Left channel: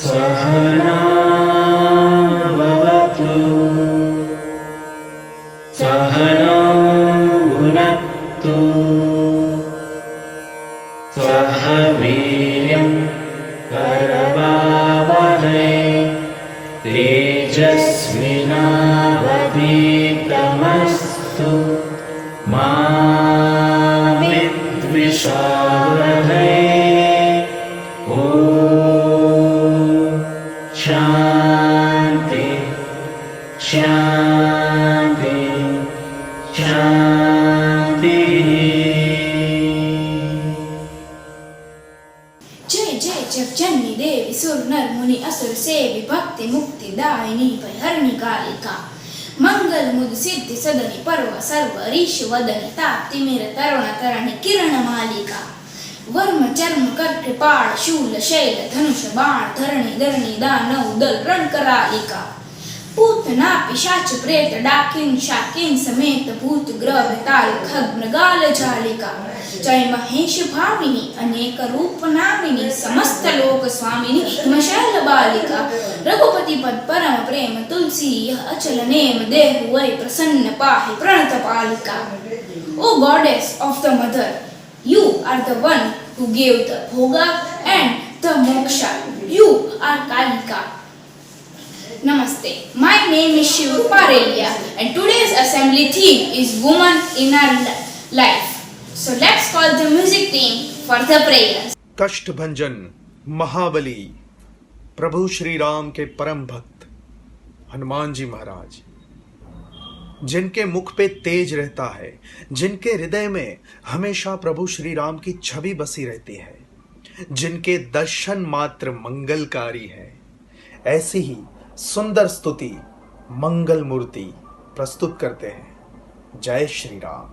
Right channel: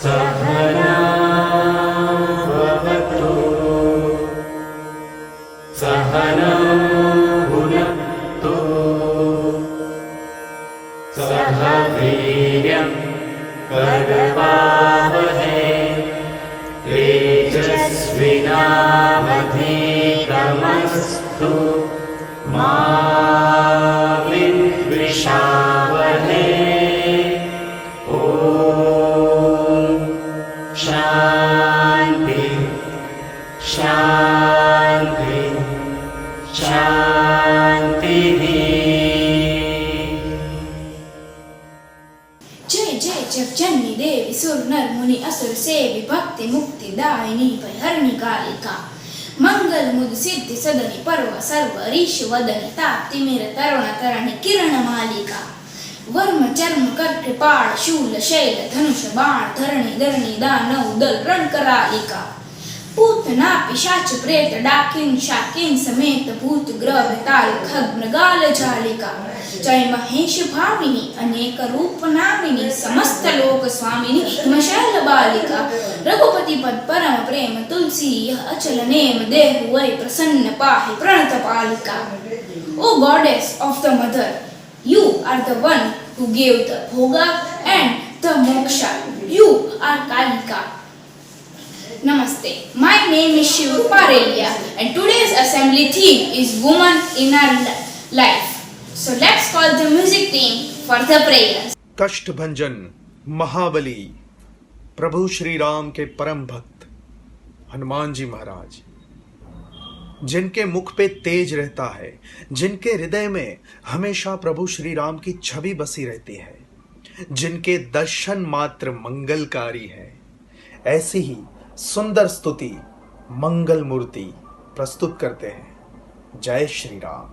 सहना भवतु सहनौ भुनक्तु सह वीर्यं करवावहै तेजस्विनावधीतमस्तु मा विद्विषावहै। ॐ शान्ति शान्ति शान्तिः। जय जय जगजननी देवी सुर नर मुनि असुर सेवी भक्ति मुक्ति दायिनी भयहरिणी कालिका मंगल मुद सिद्धि सदनि पर्व सर्व ऋष वदनि ताप्ति मेर तरुण तरणि किरण मालिका वर्म चर्म कर कृपाण शूल शैल धनुष बाण धरणी धरणी दानव दल रण करालिका पूतना पिशाच प्रेत डाकिन शाकिन समेत भूत ग्रह ताल खग मृगाल जालिका जय महेश भामिनी अनेक रूप नामिनी समस्त लोक स्वामिनी हिमशैल बालिका रघुपति पद परम प्रेम तुलसी यह अचल नेम देहु वै प्रसन्न पाहि प्रणत पालिका। O goddess of the mother, you are the one who gave the bhoga and the moksha. You are Kalika. Namaste. My name is Shiv Parelia and today's assembly theme is woman in our life. So let's call the music team for the prayers. Kashtabhanjan महाबली प्रभु श्री राम के परम भक्त हनुमान जी महाराज, जिनके मुख पे तेज रहता है, जिनके हृदय में हमेशा प्रभु श्री राम की छवि बसी रहती है, जिनके दर्शन मात्र मंगलकारी है, ऐसी ही सुंदर स्तुति मंगल मूर्ति प्रस्तुत करते हैं। जय श्री राम।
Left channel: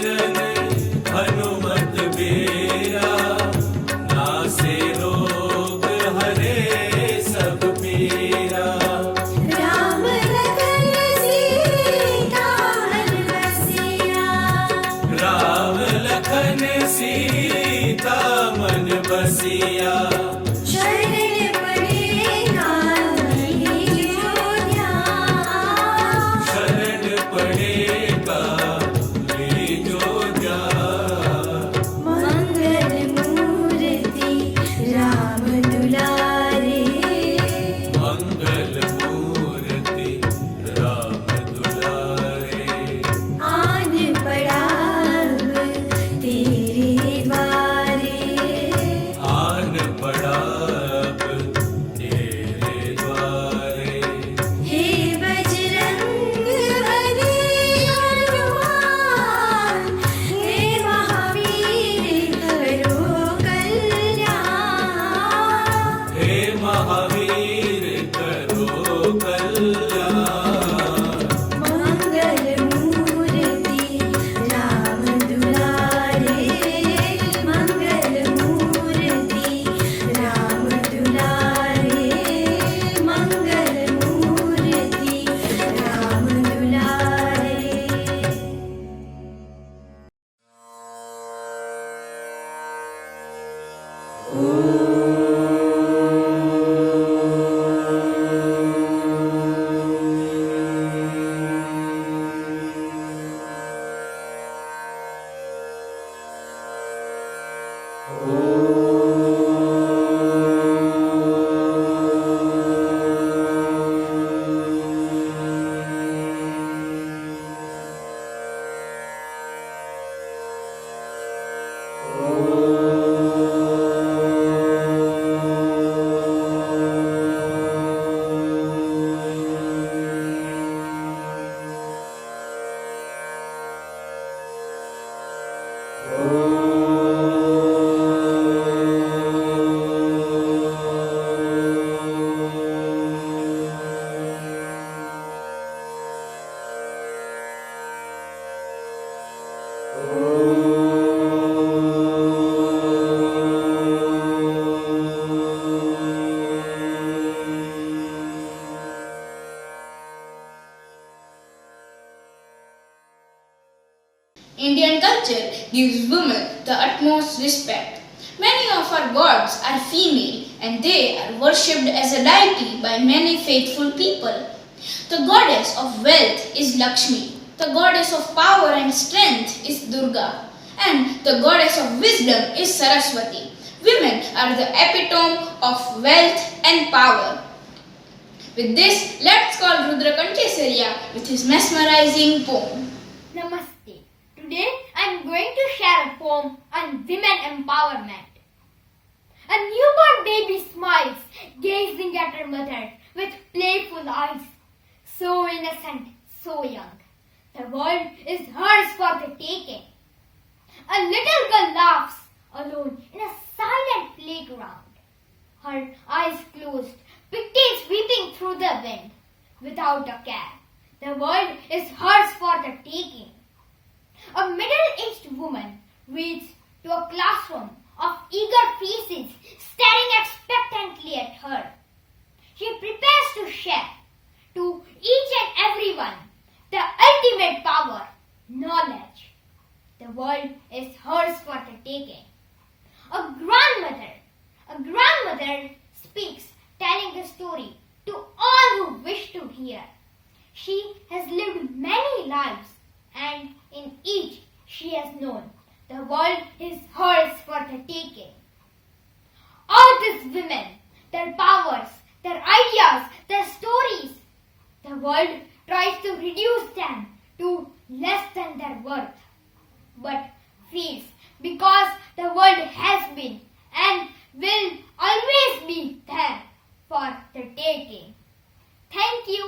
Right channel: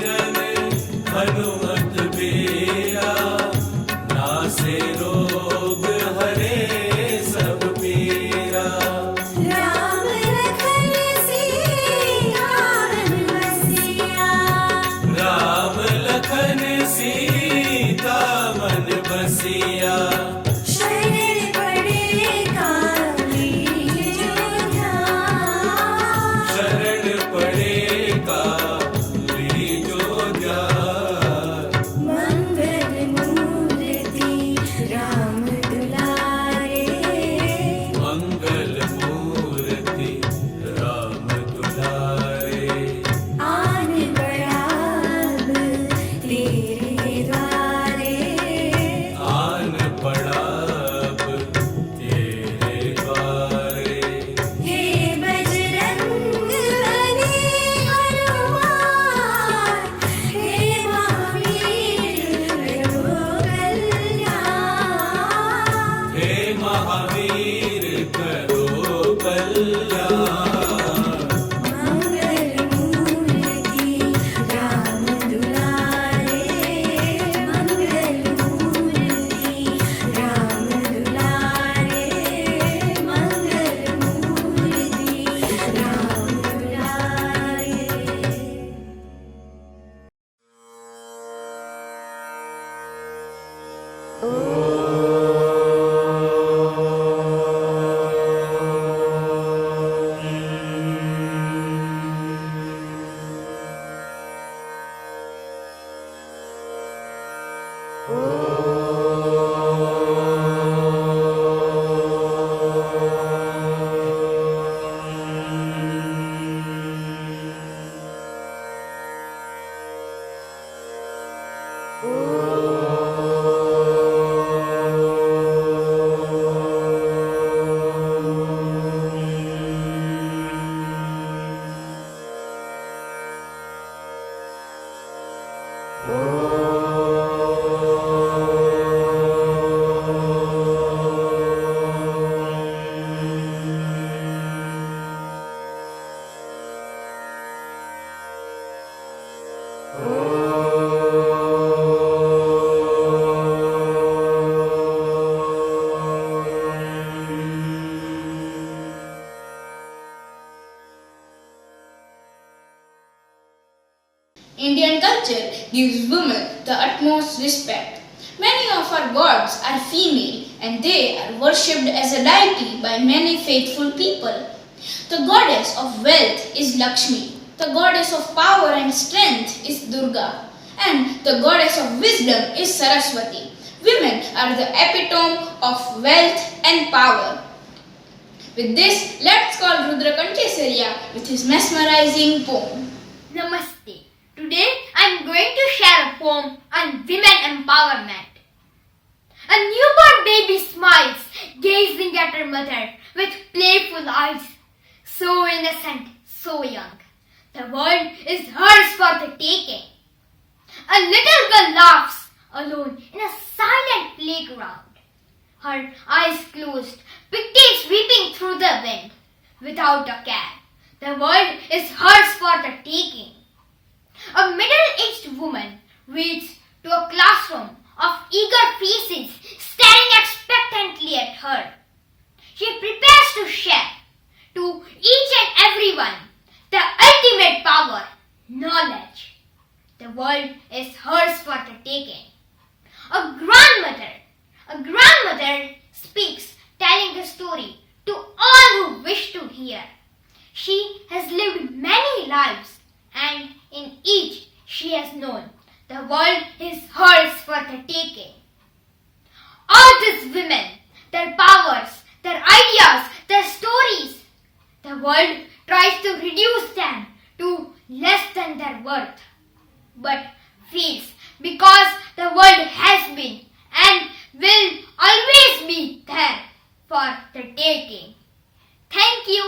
सिमरन हनुमत बेरा, नासे रोग हरे सब पीरा। राम लखन सीता मन बसिया, राम लखन सीता मन बसिया। शरण पड़े काली जोध्या, शरण पड़ेगा जोजा। मंगल मूर्ति राम दुलारे, मंगल मूर्ति राम दुलारे। आन पड़ा अब तेरे द्वारे, आन पड़ा अब तेरे द्वारे। हे बजरंग बली हनुमान, हे महावीर करो कल्याण। हे महावीर करो कल्याण। मंगल मूर्ति राम दुलारे, मंगल मूर्ति राम दुलारे, मंगल मूर्ति राम दुलारे। Indian culture gives women the utmost respect. Many of our gods are female and they are worshipped as a deity by many faithful people. The goddess of wealth is Lakshmi, the goddess of power and strength is Durga, and the goddess of wisdom is Saraswati. Women are the epitome of wealth and power. With this, let's call Rudra Kanchesaria with his mesmerizing poem. Namaste. Today I am going to share a poem on women empowerment. A newborn baby smiles, gazing at her mother with playful eyes. So innocent, so young. The world is hers for the taking. A little girl laughs alone in a silent playground. Her eyes closed, pigtails sweeping through the wind. Without a care, the world is hers for the taking. A middle-aged woman reads to a classroom of eager faces staring expectantly at her. She prepares to share to each and everyone the ultimate power, knowledge. The world is hers for the taking. A grandmother speaks, telling the story to all who wish to hear. She has lived many lives, and in each she has known the world is hers for the taking. All these women, their powers, their ideas, their stories, the world tries to reduce them to less than their worth, but fails because the world has been and will always be there for the taking. Thank you.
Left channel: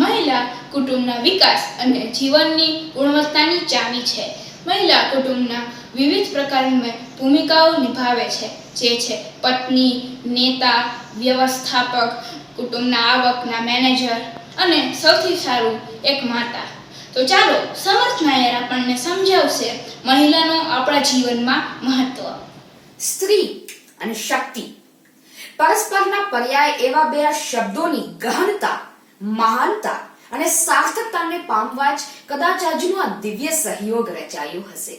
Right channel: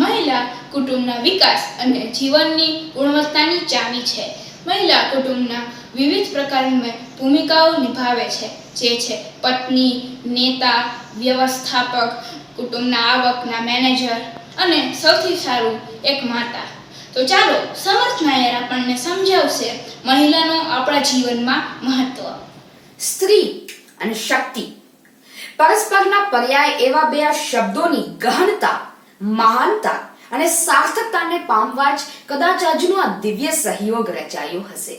મહિલા કુટુંબના વિકાસ અને જીવનની ગુણવત્તાની ચાવી છે. મહિલા કુટુંબના વિવિધ પ્રકારની ભૂમિકાઓ નિભાવે છે. જે છે પત્ની, નેતા, વ્યવસ્થાપક, કુટુંબના આવકના મેનેજર અને સૌથી સારું એક માતા. તો ચાલો સમર્થ નાયર આપણને સમજાવશે મહિલાનો આપણા જીવનમાં મહત્વ. સ્ત્રી અને શક્તિ પરસ્પરના પર્યાય એવા બે શબ્દોની ગહનતા, મહાનતા અને સાર્થકતાને પામવા જ કદાચ આજનો આ દિવ્ય સહયોગ રચાયો હશે.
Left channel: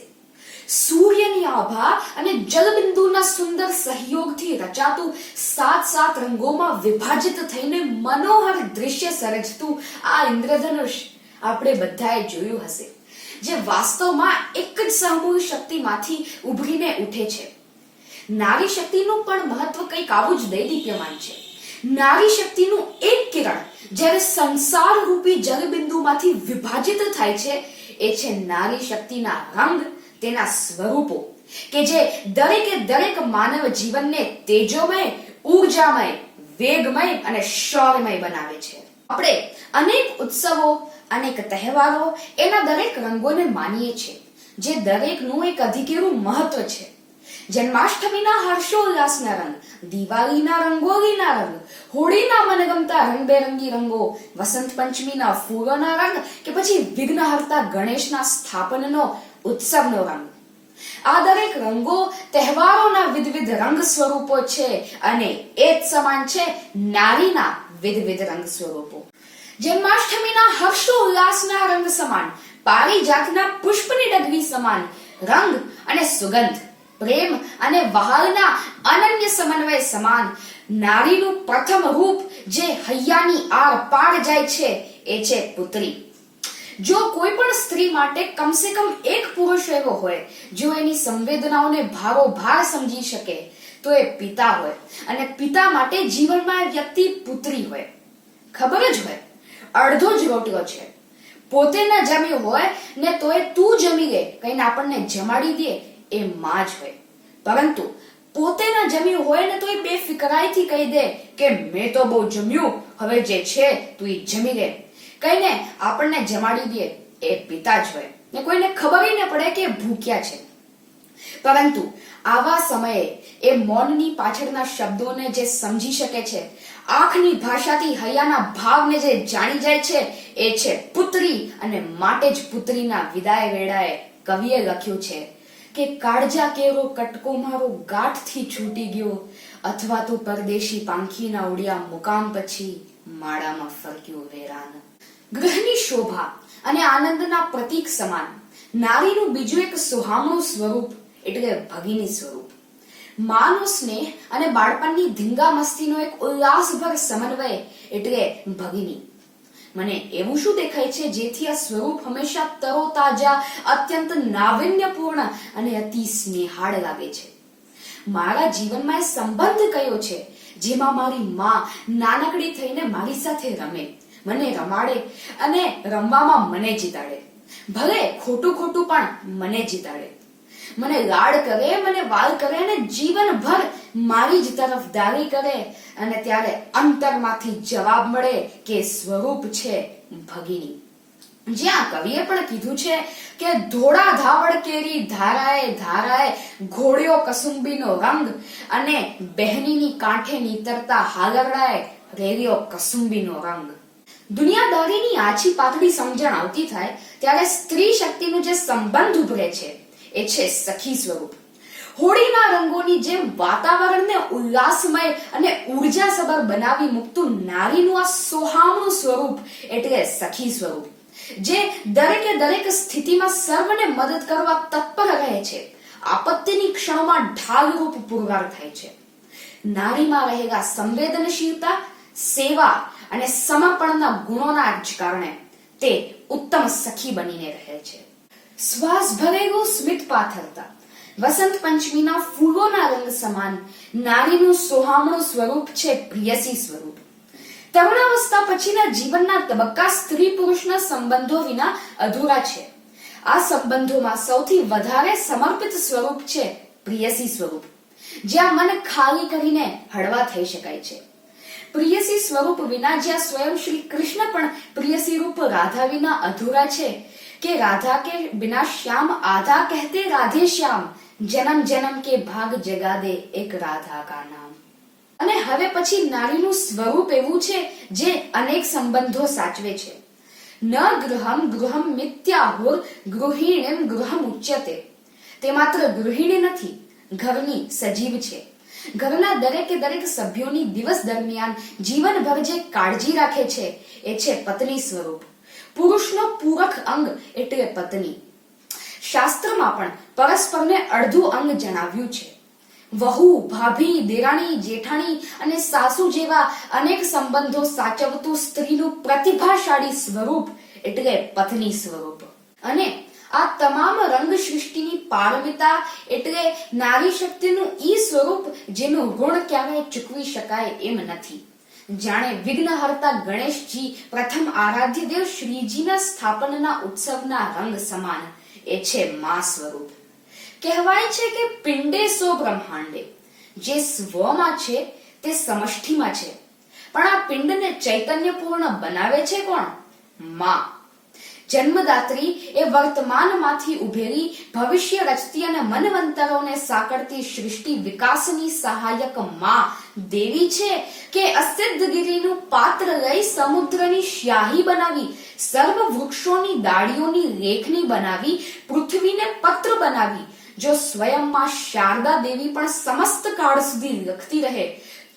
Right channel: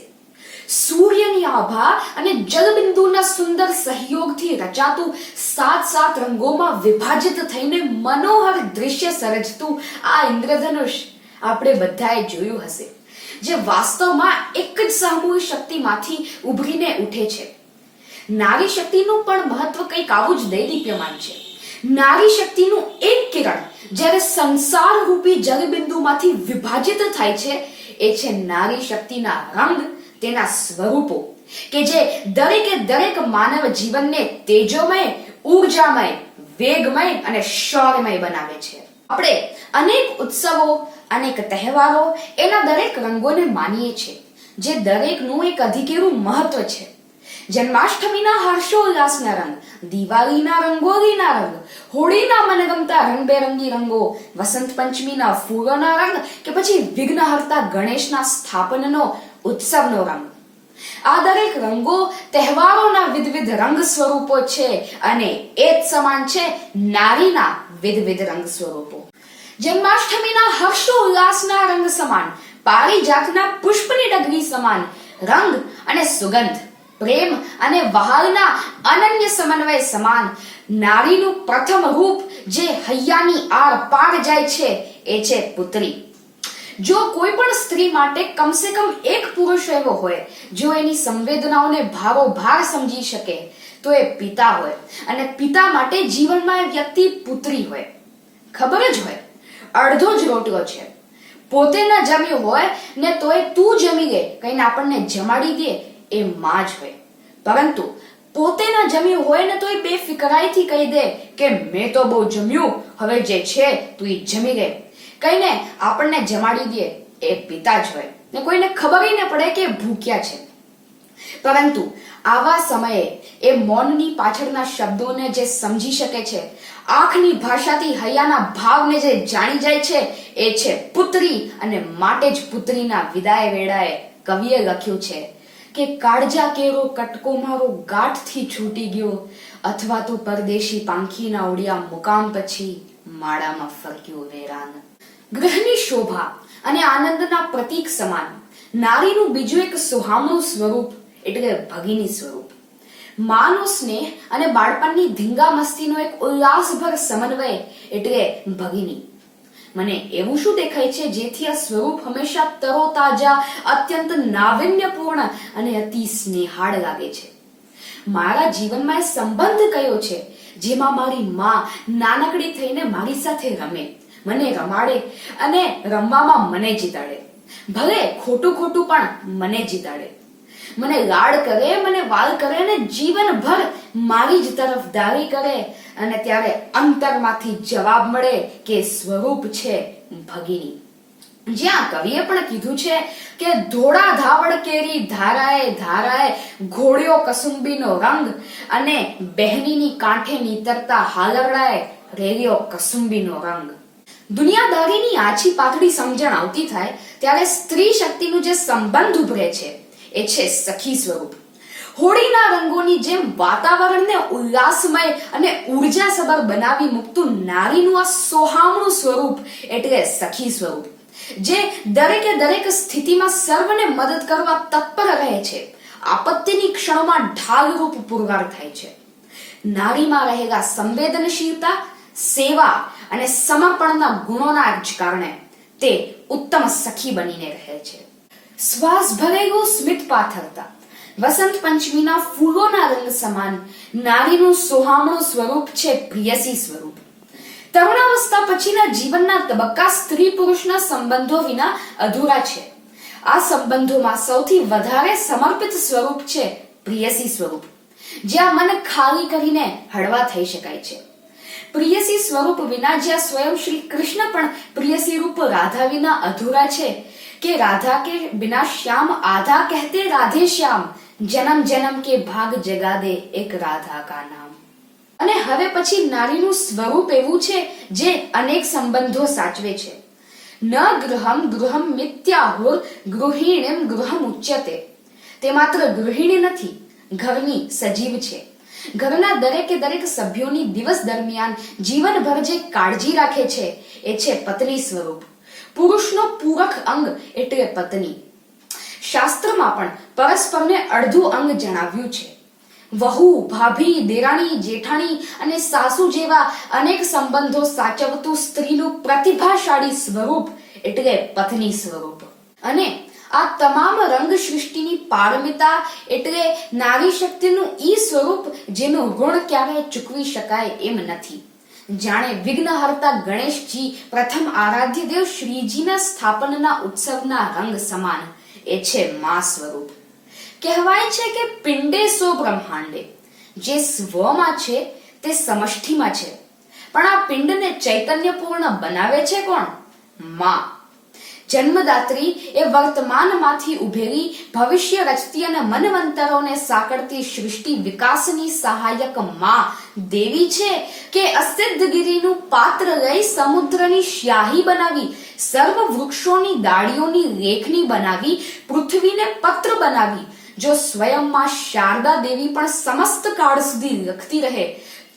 સૂર્યની આભા અને જલબિંદુના સુંદર સહયોગથી રચાતું 7 રંગોમાં વિભાજિત થઈને મનોહર દૃશ્ય સર્જતું આ ઇન્દ્રધનુષ આપણે બધાએ જોયું હશે, જે વાસ્તવમાં એક જ સામૂહિક શક્તિમાંથી ઉભરીને ઉઠે છે. નારી શક્તિનું પણ મહત્વ કંઈક આવું જ દૈદીપ્યમાન છે. નારી શક્તિનું એક કિરણ જ્યારે સંસાર રૂપી જલબિંદુમાંથી વિભાજિત થાય છે, એ છે નારી શક્તિના રંગ, તેના સ્વરૂપો કે જે દરેકે દરેક માનવ જીવનને તેજોમય, ઊર્જામય, વેગમય અને શૌર્યમય બનાવે છે. આપણે અનેક ઉત્સવો, અનેક તહેવારો એના દરેક રંગોને માનીએ છીએ, જે દરેકનું એક અધિકેરું મહત્વ છે. જન્માષ્ટમીના હર્ષોલ્લાસના રંગ, દિવાળીના રંગોળીના રંગ, હોળીના મનગમતા રંગબેરંગી રંગો, વસંત પંચમીના ફૂલોના રંગ કે પછી વિઘ્નહર્તા ગણેશના સ્થાપનનો ઉત્સવનો રંગ. આ દરેક રંગો તહેવારોના વિવિધ રંગ સ્વરૂપો છે અને એ જ સમાન છે નારીના વિવિધ રંગ સ્વરૂપો. જન્માષ્ટમીના હર્ષોલ્લાસના રંગ સમાન, પારિજાતના પુષ્પની ડગરી સમાન રંગ અને સુગંધ, પ્રેમ અને વહાલના અનન્ય સમન્વય સમાન નારીનું પ્રથમ રૂપ જે હૈયાની આર પાર જાય છે, એ છે પુત્રી. જો કોઈ પણ સ્ત્રી માટે કમસે કમ એક પુરુષ એવો હોય જો એની સંવેદનાઓને ભારોભાર સમજી શકે, તો એ પિતા હોય. અને પિતા માટે જીવનમાં એ વ્યક્તિ પુત્રી હોય. ખબર જ હોય, અડધો જ રોટલો છે, પોતે ન જમ્યું હોય ને તોય તું જમી લે કહીને આપણને જમાડી દે, એ માં જ હોય. પરંતુ પોતે ન જમ્યું હોય ને તોય બેફિકરાઈથી કહી દે કે મેં તો બહુ જમ્યું, હવે જે છે તું ઈ જમી લે કહીને આપણને જમાડી દે, એ પિતા જ હોય. ને કોઈને ખબર ન પડે કે ભૂખ્યા છે. પરંતુ આવા સમયે એ મૌનની પાછળના શબ્દોને જે સમજી શકે છે, આંખની ભાષાથી હૈયાના ભાવને જે જાણી જાય છે, એ છે પુત્રી. અને માટે જ પુત્રીના વિદાય વેળાએ કવિએ લખ્યું છે કે કાળજા કેરો કટકો મારો ગાંઠથી છૂટી ગયો, અથવા તો પરદેશી પાંખીના ઉડ્યા મુકામ પછી માળામાં ફરક્યું વેરાન. ગૃહની શોભા અને આનંદના પ્રતીક સમાન નારીનું બીજું એક સુહામણું સ્વરૂપ એટલે ભગિની સ્વરૂપ. માનો સ્નેહ અને બાળપણની ધીંગા મસ્તીનો એક ઉલ્લાસભર સમન્વય એટલે ભગિની. મને એવું શું દેખાય છે જેથી આ સ્વરૂપ હંમેશા તરોતાજા, અત્યંત નાવિન્યપૂર્ણ અને અતિ સ્નેહાળ લાગે છે? મારા જીવનમાં એ સંબંધ કયો છે જેમાં મારી માં નાનકડી થઈને મારી સાથે રમે, મને રમાડે અને રમવામાં મને જીતાડે, ભલે ખોટું ખોટું પણ મને જીતાડે, મને લાડ કરે, મને વાલ કરે અને જીવનભર મારી જ તરફદારી કરે. અને ત્યારે અંતરમાંથી જવાબ મળે કે સ્વરૂપ છે ભગિની. જ્યાં કવિએ પણ કીધું છે કે ધોળા ધાવડ કેરી ધારાએ ધારાએ ઘોડ્યો કસુંબીનો રંગ, અને બહેનીની કાંઠે નીતરતા હાલરડાએ રેલ્યો કસુંબીનો રંગ. દુનિયાદારીની આછી પાતળી સમજણ આવતી થાય ત્યારે સ્ત્રી શક્તિનું જે સંબંધ ઉભરે છે, એ છે સખી સ્વરૂપ. હોળીના રંગોની જેમ વાતાવરણને ઉલ્લાસમય અને ઉર્જાસભર બનાવી મૂકતું નારીનું આ સોહામણું સ્વરૂપ એટલે સખી સ્વરૂપ, જે દરેકે દરેક સ્થિતિમાં સર્વને મદદ કરવા તત્પર રહે છે, આપત્તિની ક્ષણોમાં ઢાલરૂપ પુરવાર થાય છે. નારીમાં રહેલા સંવેદનશીલતા, સેવા અને સમર્પણના ગુણોના જ કારણે તે ઉત્તમ સખી બનીને રહે છે. શ્વાસ ભરેલું સ્મિત પાથરતા વસંત પંચમીના ફૂલોના રંગ સમાન નારીનું સોહામણું સ્વરૂપ છે પ્રિયસી સ્વરૂપ. તરુણાવસ્થા પછીના જીવનના તબક્કા સ્ત્રી પુરુષના સંબંધો વિના અધૂરા છે. આ સંબંધોમાં સૌથી વધારે સમર્પિત સ્વરૂપ છે પ્રિયસી સ્વરૂપ, જ્યાં મન ખાલી કરીને હળવા થઈ શકાય છે. પ્રિયસી સ્વરૂપ વિના જ્યાં સ્વયં શ્રી કૃષ્ણ પણ પ્રિયસી રૂપ રાધા વિના અધૂરા છે, कि राधा के बिना श्याम आधा, कहते राधे श्याम, जन्म जन्म के भाग जगा दे એક રાધા કા નામ. અને હવે પછી નારીનું સ્વરૂપ એવું છે જે અનેક સંબંધો સાચવે છે. ન ગૃહમ ગૃહમ મિત્યાહુર ગૃહિણીમ ગૃહમ ઉચ્યતે. તે માત્ર ગૃહિણી નથી, ઘરની સજીવ છે. ઘરના દરેકે દરેક સભ્યોની દિવસ દરમિયાન જીવનભર જે કાળજી રાખે છે એ છે પત્ની સ્વરૂપ. પુરુષનો પૂરક અંગ એટલે પત્ની. શાસ્ત્રમાં પણ પરસ્પરને અડધું અંગ જણાવ્યું છે. વહુ, ભાભી, દેરાણી, જેઠાણી અને સાસુ જેવા અનેક સંબંધો સાચવતું સ્ત્રીનું પ્રતિભાશાળી સ્વરૂપ એટલે પત્ની સ્વરૂપ. અને આ તમામ રંગ સૃષ્ટિની પારમિતા એટલે નારી શક્તિનું ઈ સ્વરૂપ જેનું ઋણ ક્યારેય ચૂકવી શકાય એમ નથી. જાણે વિઘ્નહર્તા ગણેશજી પ્રથમ આરાધ્ય દેવ શ્રીજીના સ્થાપનના ઉત્સવના રંગ સમાન એ છે મા સ્વરૂપ. કહેવાય છે કે પિંડે સો બ્રહ્માંડે. જે સ્વમાં છે તે સમષ્ટિમાં છે, પણ આ પિંડને ચૈતન્યપૂર્ણ બનાવે છે કોણ? માં. જન્મદાત્રી એ વર્તમાનમાંથી ઉભેલી ભવિષ્ય રચતી અને મનવંતરોને સાંકળતી સૃષ્ટિ વિકાસની સહાયક માં દેવી છે કે અસિદ્ધગીરીનું પાત્ર લઈ સમુદ્રની સ્યાહી બનાવી, સર્વ વૃક્ષોની ડાળીઓની રેખની બનાવી, પૃથ્વીને પત્ર બનાવી. જો સ્વયંમાં શારદા દેવી પણ સમસ્ત કાળ સુધી લખતી રહે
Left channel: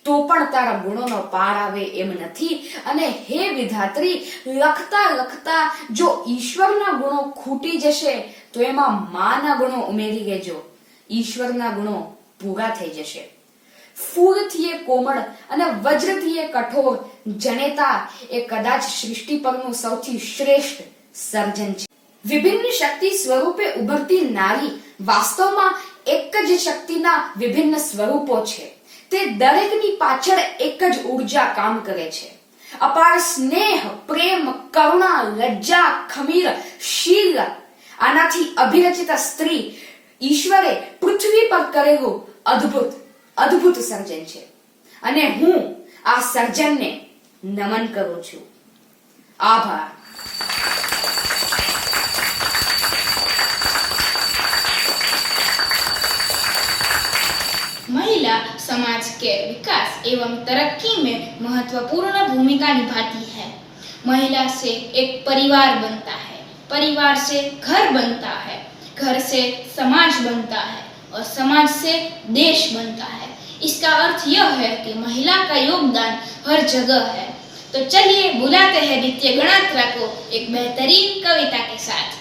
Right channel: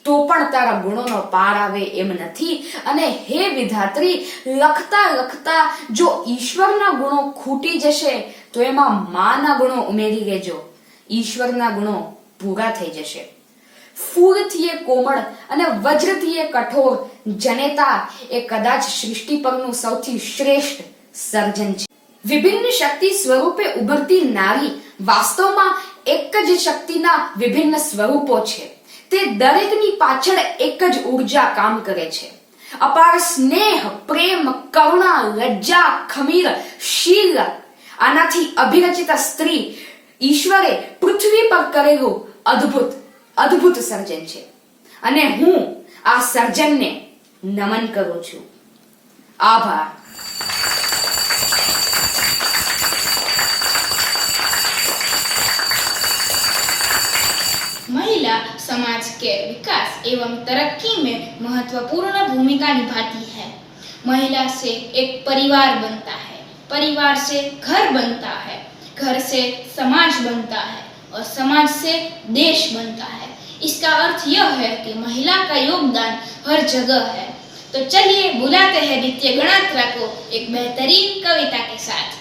તો પણ તારા ગુણોનો પાર આવે એમ નથી. અને હે વિધાત્રી, લખતા લખતા જો ઈશ્વરના ગુણો ખૂટી જશે તો એમાં માના ગુણો ઉમેરી લેજો, ઈશ્વરના ગુણો પૂરા થઈ જશે. ફૂલથી એ કોમળ અને વજ્રથી એ કઠોર, જનેતા એ કદાચ સૃષ્ટિ પરનું સૌથી શ્રેષ્ઠ સર્જન છે. વિભિન્ન શક્તિ સ્વરૂપે ઉભરતી નારી વાસ્તવમાં એક જ શક્તિના વિભિન્ન સ્વરૂપો છે. તે દરેકની પાછળ એક જ ઉર્જા કામ કરે છે. અપાર સ્નેહ, પ્રેમ, કરુણા, લજ્જા, ખમીર, શીલ, આનાથી અભિરચિત સ્ત્રી ઈશ્વરે પૃથ્વી પર કરેલું અદ્ભુત અદ્ભુત સર્જન છે. અને હું આ સર્જનને નમન કરું છું. આભાર. महिला समाज के विकास एवं तरक्की में महत्वपूर्ण भूमिका निभाती है. महिला से एक परिवार बनता है, परिवार से घर बनता है, घर से समाज बनता है और समाज से देश बनता है. इसका अर्थ यह है कि महिला का योगदान हर जगह है. तो चलिए बुलाते हैं नित्य गणात्रा को एक बेहतरीन कविता के साथ.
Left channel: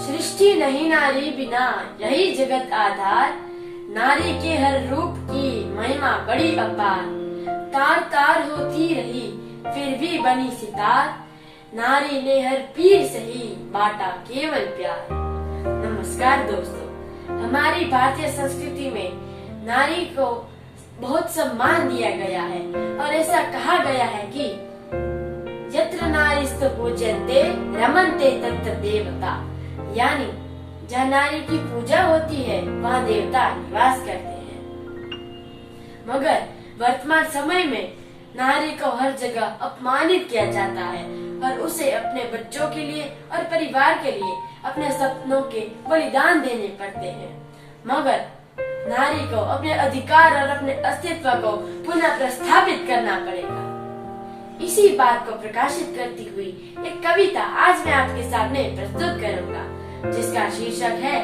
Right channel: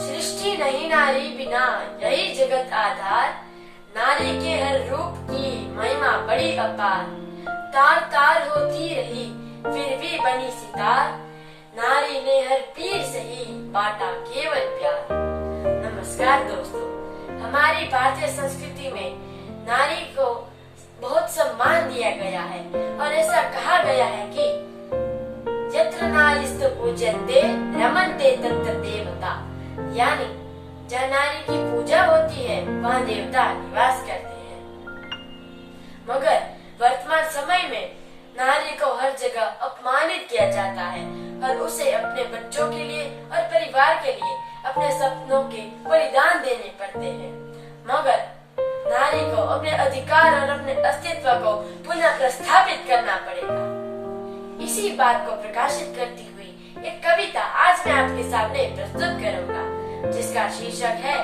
सृष्टि नहीं नारी बिना, यही जगत आधार. नारी के हर रूप की महिमा बड़ी अपार. तार तार होती रही फिर भी बनी सितार. नारी ने हर पीर सही बांटा केवल प्यार. नमस्कार दोस्तों, हमारी भारतीय संस्कृति में नारी को बहुत सम्मान दिया गया है और ऐसा कहा गया है कि यत्र नारीस्तु पूज्यन्ते रमन्ते तत्र देवता. यानी जहाँ नारी की पूजा होती है वहाँ देवता निवास करते हैं. मगर वर्तमान समय में नारी को हर जगह अपमानित किया जाता है और उसे अपने बच्चों के लिए और परिवार के लिए अपने सपनों के बलिदान देने पड़ते हैं. मगर नारी को अपने अधिकार और अपने अस्तित्व को पुनः प्रस्थापित करना पड़ेगा. इसी बात को प्रकाशित करती हुई एक कविता आज मैं आपके सामने प्रस्तुत करूंगा, जिसका शीर्षक है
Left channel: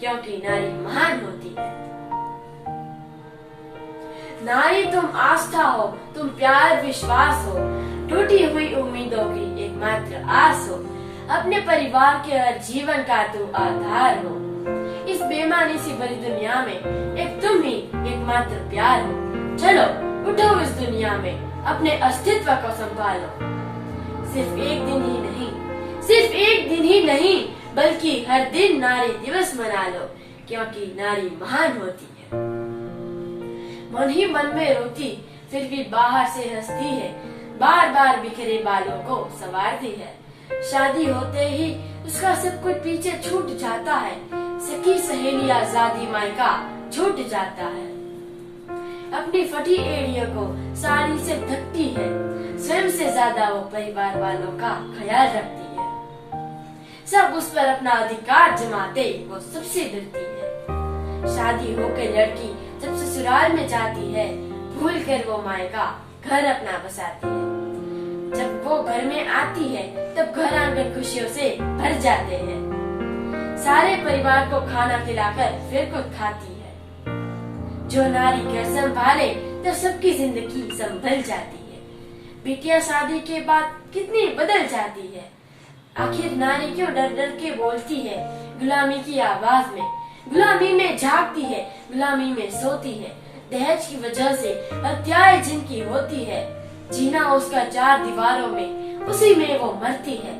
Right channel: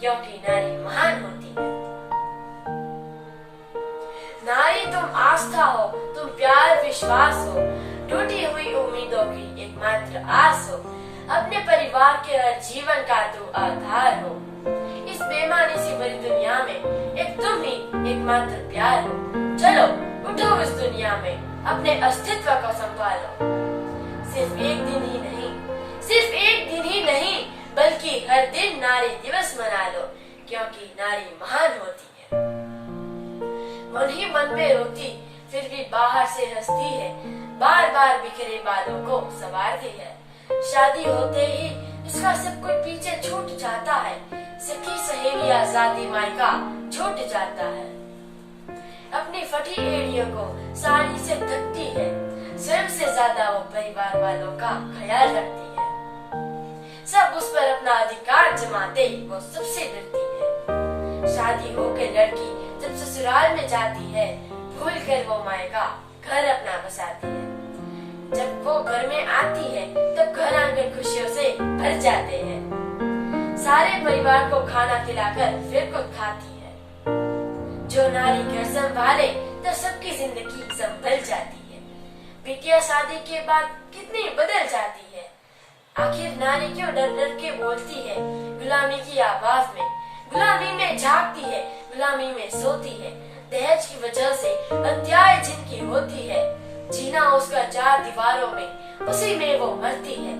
क्योंकि नारी महान होती है. नारी तुम आस्था हो, तुम प्यार विश्वास हो, टूटी हुई उम्मीदों की एकमात्र आस हो. अपने परिवार के हर जीवन का तू आधार हो. इस बेमानी सी भरी दुनिया में एक तुम ही एकमात्र प्यार हो. चलो उठो इस दुनिया में अपने अस्तित्व को संभालो. सिर्फ एक दिन ही नहीं बल्कि हर दिन नारी दिवस मना लो, क्योंकि नारी महान होती है. मन ही मन में रोती फिर भी बाहर से हंसती है. बार बार बिखरे बालों को संवारती है. शादी होते ही इसका सब कुछ पीछे छूट जाता है, सखी सहेली आजादी मायका छूट जाता है। अपनी फटी एड़ियों को साड़ी से ढकती है, स्वयं से ज्यादा वो परिवार वालों का ख्याल रखती है। सब उस पर अपना अधिकार जमाते वो सबसे डरती है। शादी होकर लड़की जब ससुराल में जाती है, भूल कर वो मायका घर अपना बसाती है। जब वो घर में आती है तब घर आंगन खुशियों से भर जाते हैं। सारे परिवार को खाना खिलाकर फिर खुद खाती है। जो नारी घर संभाले तो सबकी जिंदगी संभल जाती है। बिटिया शादी के बाद कितनी बदल जाती है। आखिर नारी क्यों डर डर के बोलती है गुलामी की आवाज में, गुलामी में जागती है, गुलामी में सोती है। दहेज की वजह से हत्याएं जिनकी होती है, जीना उसका चार दीवारों में, उसी में वो मरती है।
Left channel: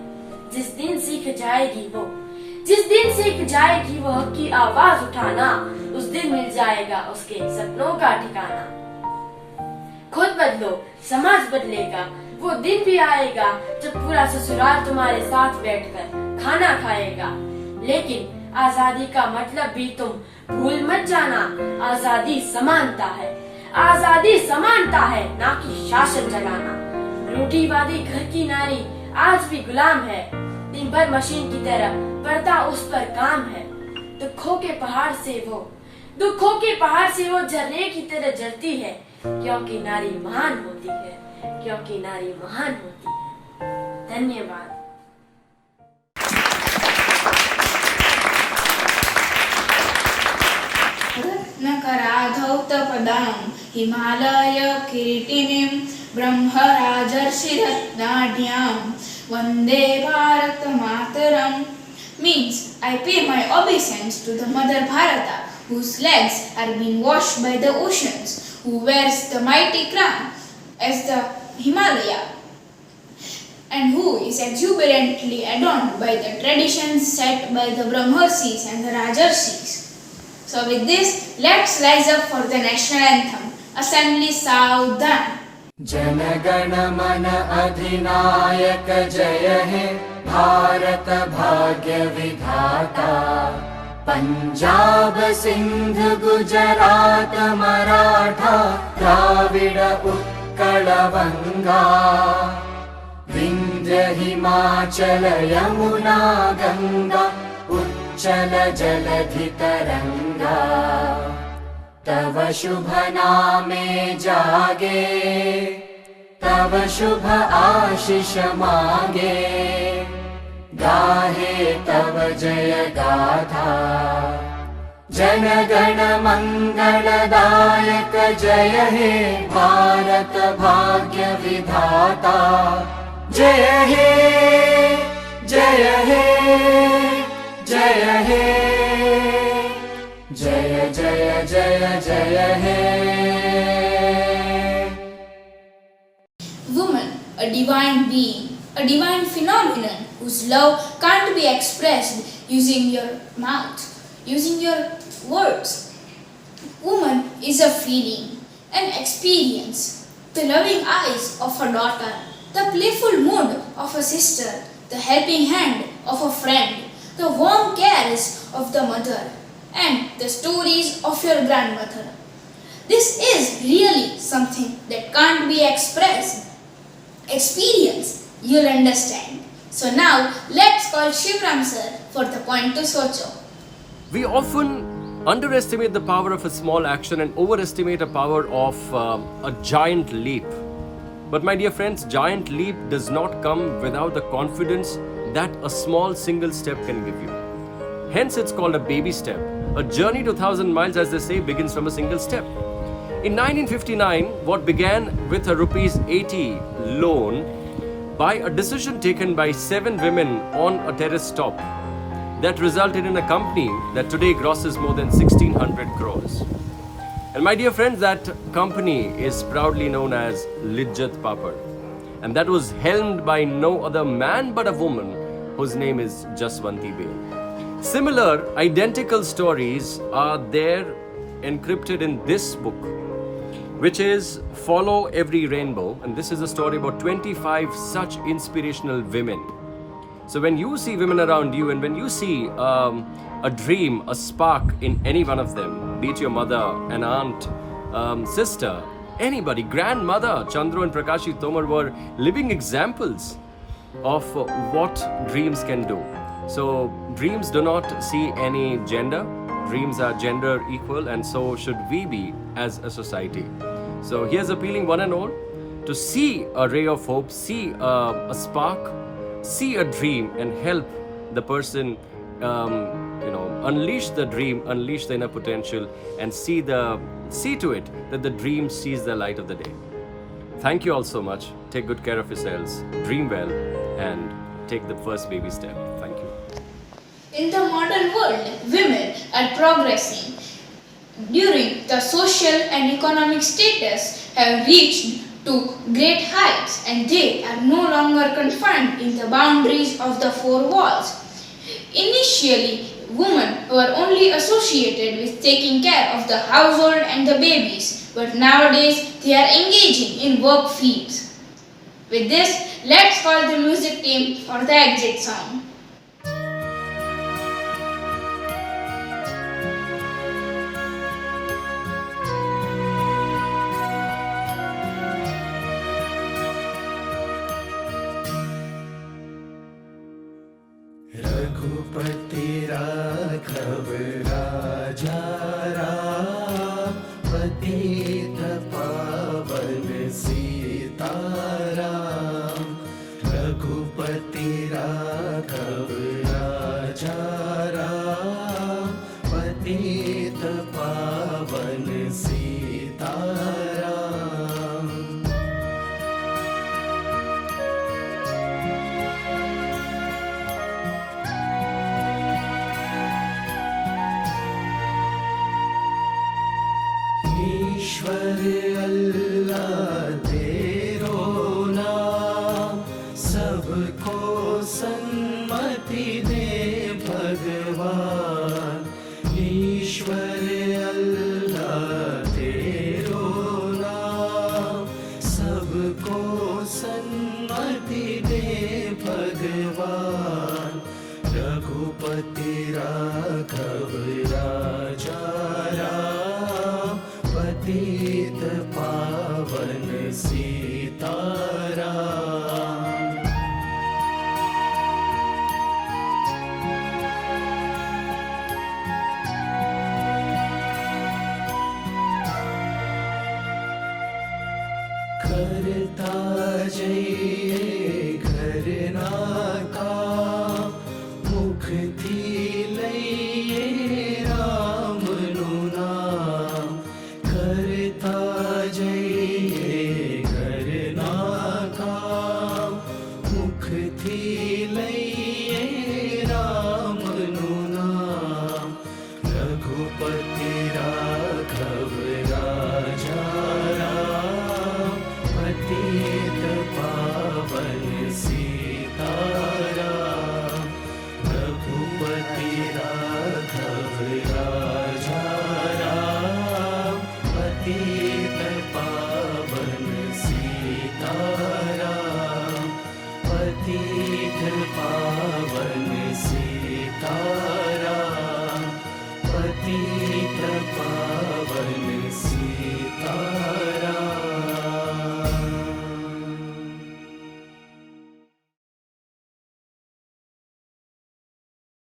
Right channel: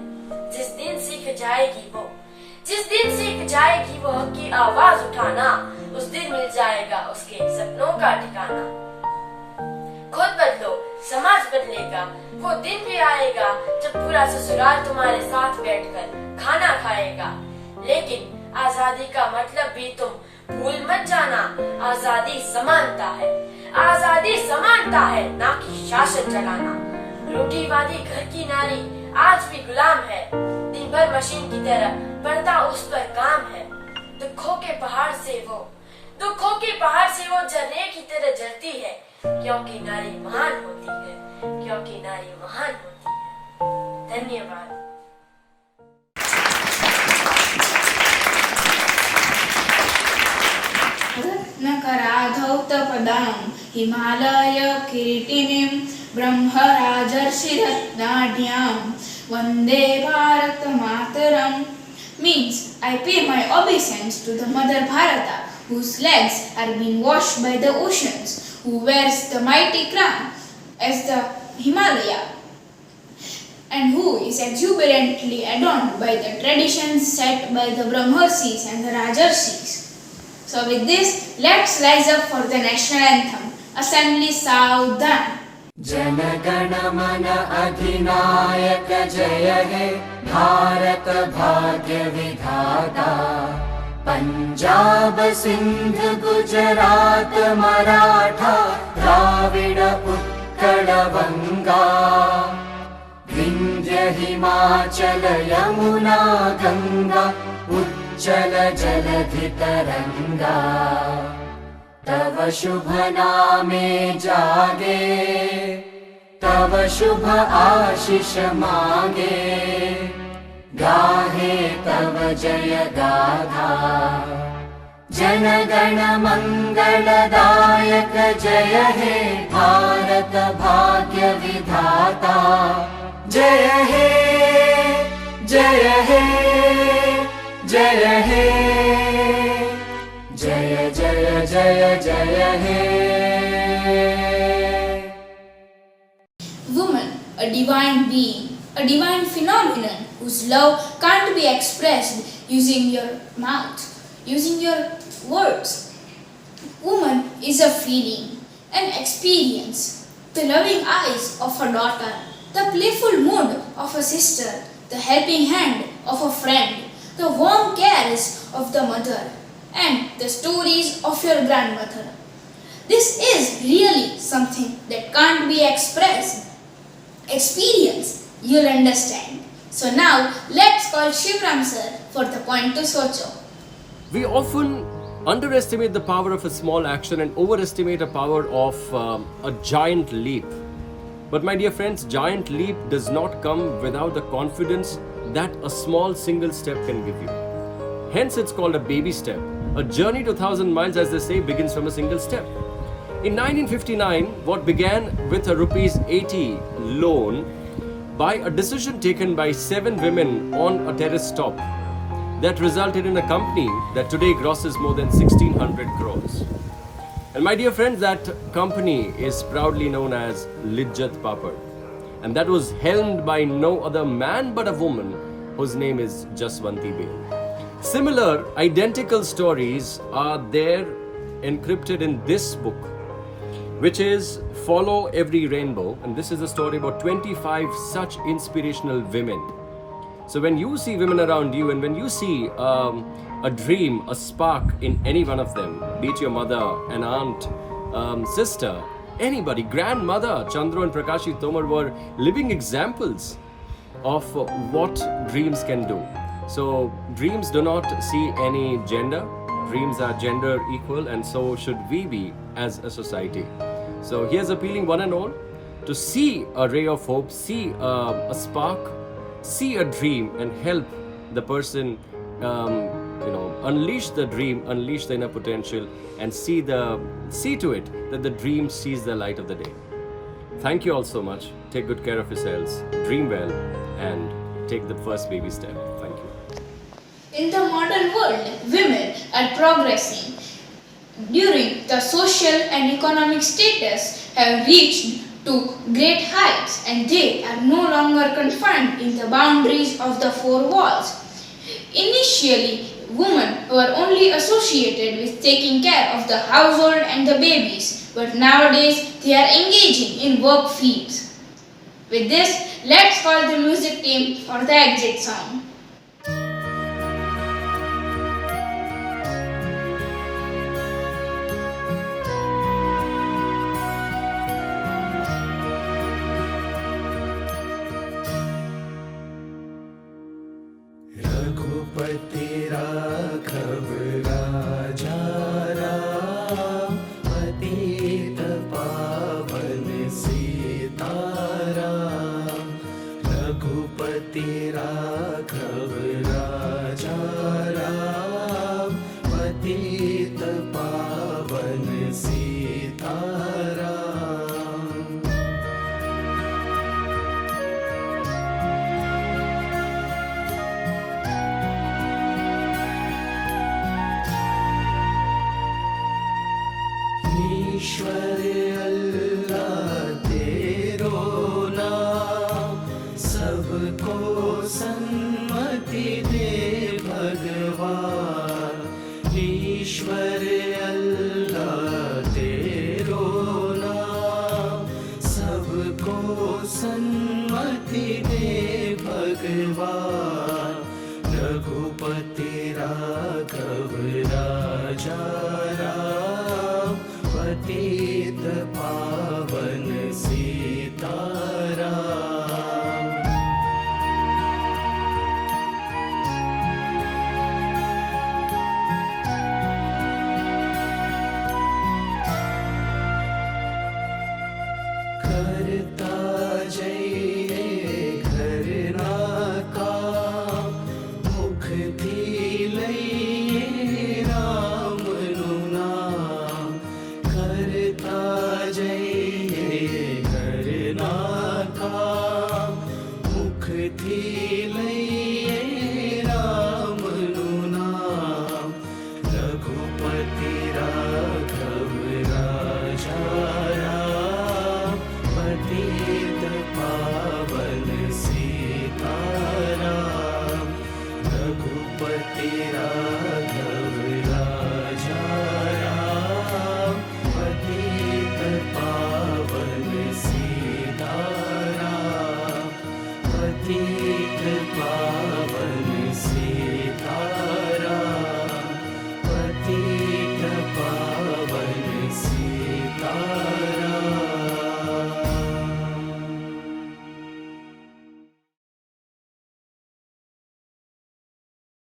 जिस दिन सीख जाएगी वो हक की आवाज उठाना, उस दिन मिल जाएगा उसके सपनों का ठिकाना। खुद बदलो समाज बदलेगा, वो दिन भी आएगा जब पूरा ससुराल तुम्हारे साथ बैठकर खाना खाएगा। लेकिन आजादी का मतलब भी तुम भूल मत जाना, आजादी समानता है, आजादी समानता है, ना कि शासन चलाना। रोटीवादी घर की नारी आज भी गुलाम है, दिन भर मशीन की तरह बढ़ता उस पर काम है। दुखों के पहाड़ से वो झरने की तरह जलती है, क्योंकि नारी महान होती है, क्योंकि नारी महान होती है। धन्यवाद। रत्नकराधौतपदां हिमालय किरीटिनीं ब्रह्मराजर्षिरत्नाढ्यां वन्दे भारत मातरम् means I pay my obeisance to the Mother Bharata, whose legs are being washed by the oceans, who wears the mighty crown as the Himalaya, and who is exuberantly adorned by the traditions set by the Brahmarshis and the Rajarshis. So with this, let's rise up for the national anthem. Assembly Saudhan. जनगण मन अधिनायक जय हे भारत भाग्य विधाता। पंजाब सिंध गुजरात मराठा द्राविड उत्कल बंगा। विंध्य हिमाचल यमुना गंगा उच्चल जलधि तरंगा। तव शुभ नामे जागे, तव शुभ आशीष मागे। गाहे तव जय गाथा, जन गण मंगलदायक जय हे भारत भाग्य विधाता। जय हे जय हे जय हे जय जय जय जय हे। Woman, a divine being, a divine phenomenon whose love can't be expressed using your mouth, using your words. Woman is a feeling, an experience, the loving eyes of a daughter, the playful mood of a sister, the helping hand of a friend, the warm cares of the mother, and the stories of your grandmother. This is really something that can't be expressed. Experience, you'll understand. So now, let's call Shivram sir for the point to Socho. We often underestimate the power of a small action and overestimate the power of a giant leap. But my dear friends, giant leap does not come without the confidence that a small single step can give you. Hence it's called a baby step. A journey to 1,000 miles, as they say, begins from a single step. In 1959, what began with a ₹80 loan by a decision taken by 7 women on a terrace top, that resulted in a company that today grosses more than 1,600 crores. And my dear friends, that company is proudly known as Lijjat Papad. And that was helmed by no other man but a woman whose name is Jaswanti Bail. Similar, identical stories are there encrypted in this book, which is Follow Every Rainbow. And this is a story about 25 such inspirational women. So when you see women around you, and when you see a dream, a spark in any one of them, be it your mother, an aunt, sister, anybody, grandmother, Chandru and Prakashi Tomar were living examples of what dreams can do. So dreams do not see any gender. Dreams are gender equal, and so should we be as a society. So here's appealing one and all to see a ray of hope, see a spark, see a dream, and help the person unleash the dream, unleash the inner potential, and see to it that the dream sees the light of the day. Thank you all so much. Take good care of yourselves, dream well, and take the first baby step. Thank you. In the modern world, women are progressing. During the social and economic status have reached to great heights, and they are no longer confined in the boundaries of the four walls. Initially, women were only associated with taking care of the household and the babies, but nowadays they are engaging in work fields. With this, let's call the music team for the exit song. Raghupati राघव राजा राम, पतित पावन सीताराम। रघुपति राघव राजा राम, पतित पावन सीताराम। ईश्वर अल्लाह तेरो नाम, सबको सन्मति दे भगवान। ईश्वर अल्लाह तेरो नाम, सबको सन्मति दे भगवान। रघुपति राघव राजा राम, पतित पावन सीताराम। करता जइए घरना काम, मुख थी लइए राम नु नाम। करता जइए घरना काम, मुख थी लइए राम नु नाम। रघुपति राघव राजा राम, पतित पावन सीताराम। रघुपति राघव राजा